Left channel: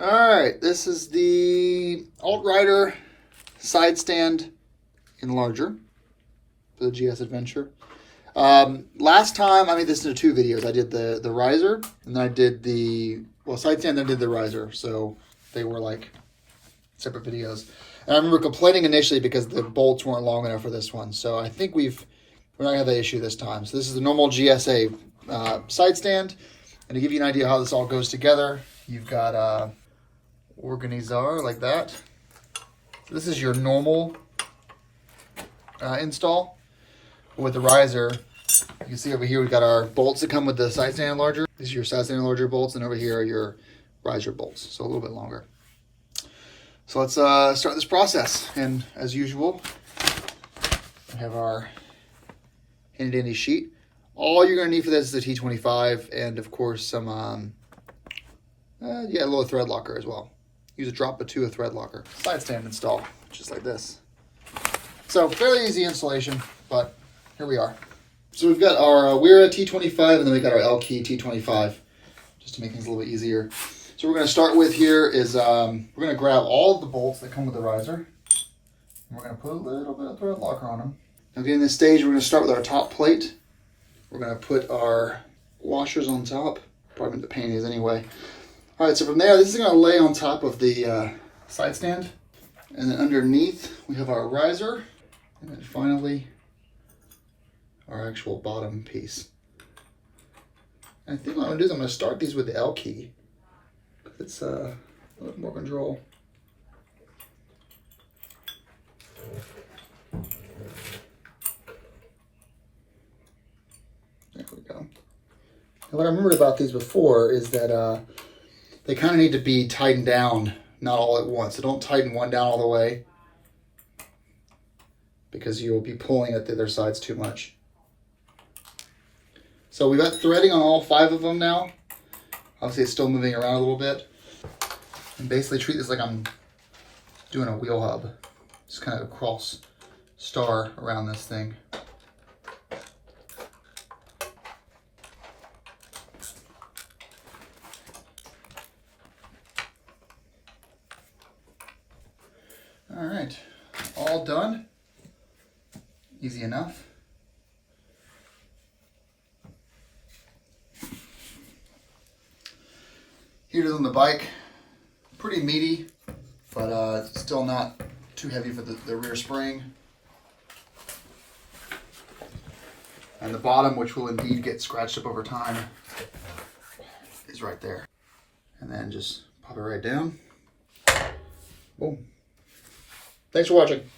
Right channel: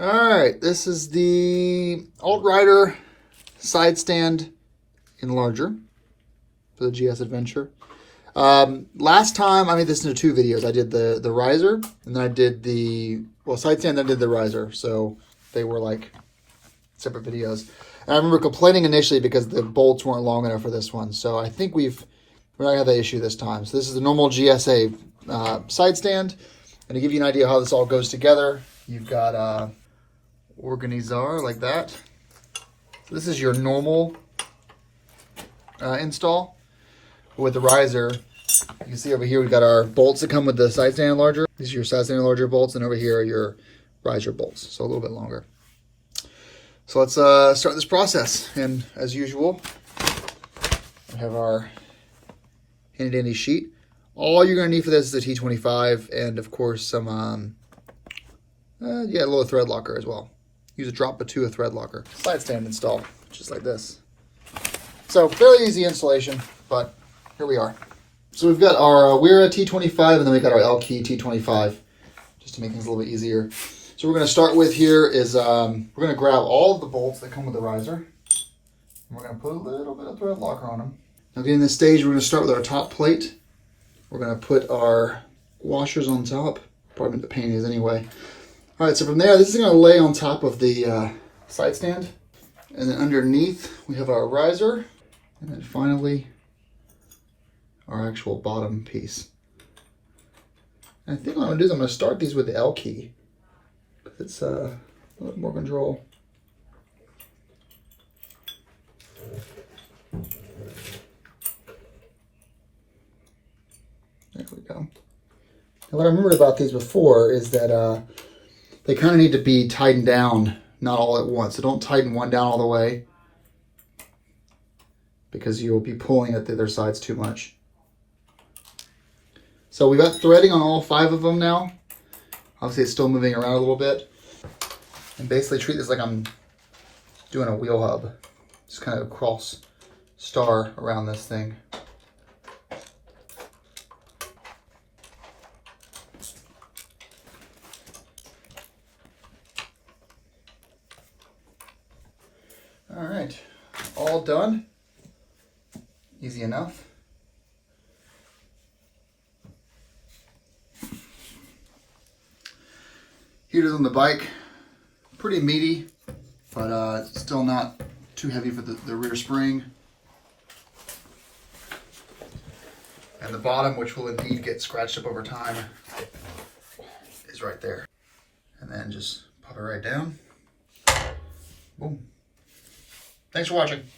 All right, this is the AltRider side stand Enlarger for the GS Adventure. Last time I made this into 2 videos. I did the riser, and then I did the side stand, then I did the riser. So they were like separate videos. And I remember complaining initially because the bolts weren't long enough for this one. So I think we're not gonna have that issue this time. So this is the normal GSA side stand. And to give you an idea how this all goes together, you've got organizer like that. So this is your normal install. With the riser, you can see over here we've got our bolts that come with the side stand enlarger. These are your side stand enlarger bolts, and over here are your riser bolts, so a little bit longer. So let's start this process. And as usual, we have our handy dandy sheet. All you're going to need for this is a T25 and of course some a little thread locker as well. Use a drop or 2 of thread locker. Side stand install, just like this. So fairly easy installation, but here we are. So we've got our Wera T25 and then we've got our Elkey T25, just to make things a little bit easier. So we're going to start with here is we're going to grab all of the bolts that come with the riser, and we're going to put a little bit of thread locker on them. Now getting this stage, we're going to start with our top plate. We're going to put our washers on top. Probably the pain is anyway. All right, so from there, this is going to lay on top of the side stand. And then underneath, we have our riser. And then finally, our actual bottom piece. And I think what I'm going to do is I'm going to start these with the Elkey. It's a little more control. There we go. And what I remembered about these before is that they kind of need to be tightened down, not all at once. So don't tighten one down all the way, because you will be pulling at the other sides too much. So we've got threading on all 5 of them now. Obviously it's still moving around a little bit. And basically treat this like I'm doing a wheel hub. Just kind of a cross star around this thing. All right, all done. Easy enough. Heaters on the bike, pretty meaty, but still not too heavy for the rear spring. And the bottom, which will indeed get scratched up over time, is right there. And then just pop it right down. Boom. Thanks for watching.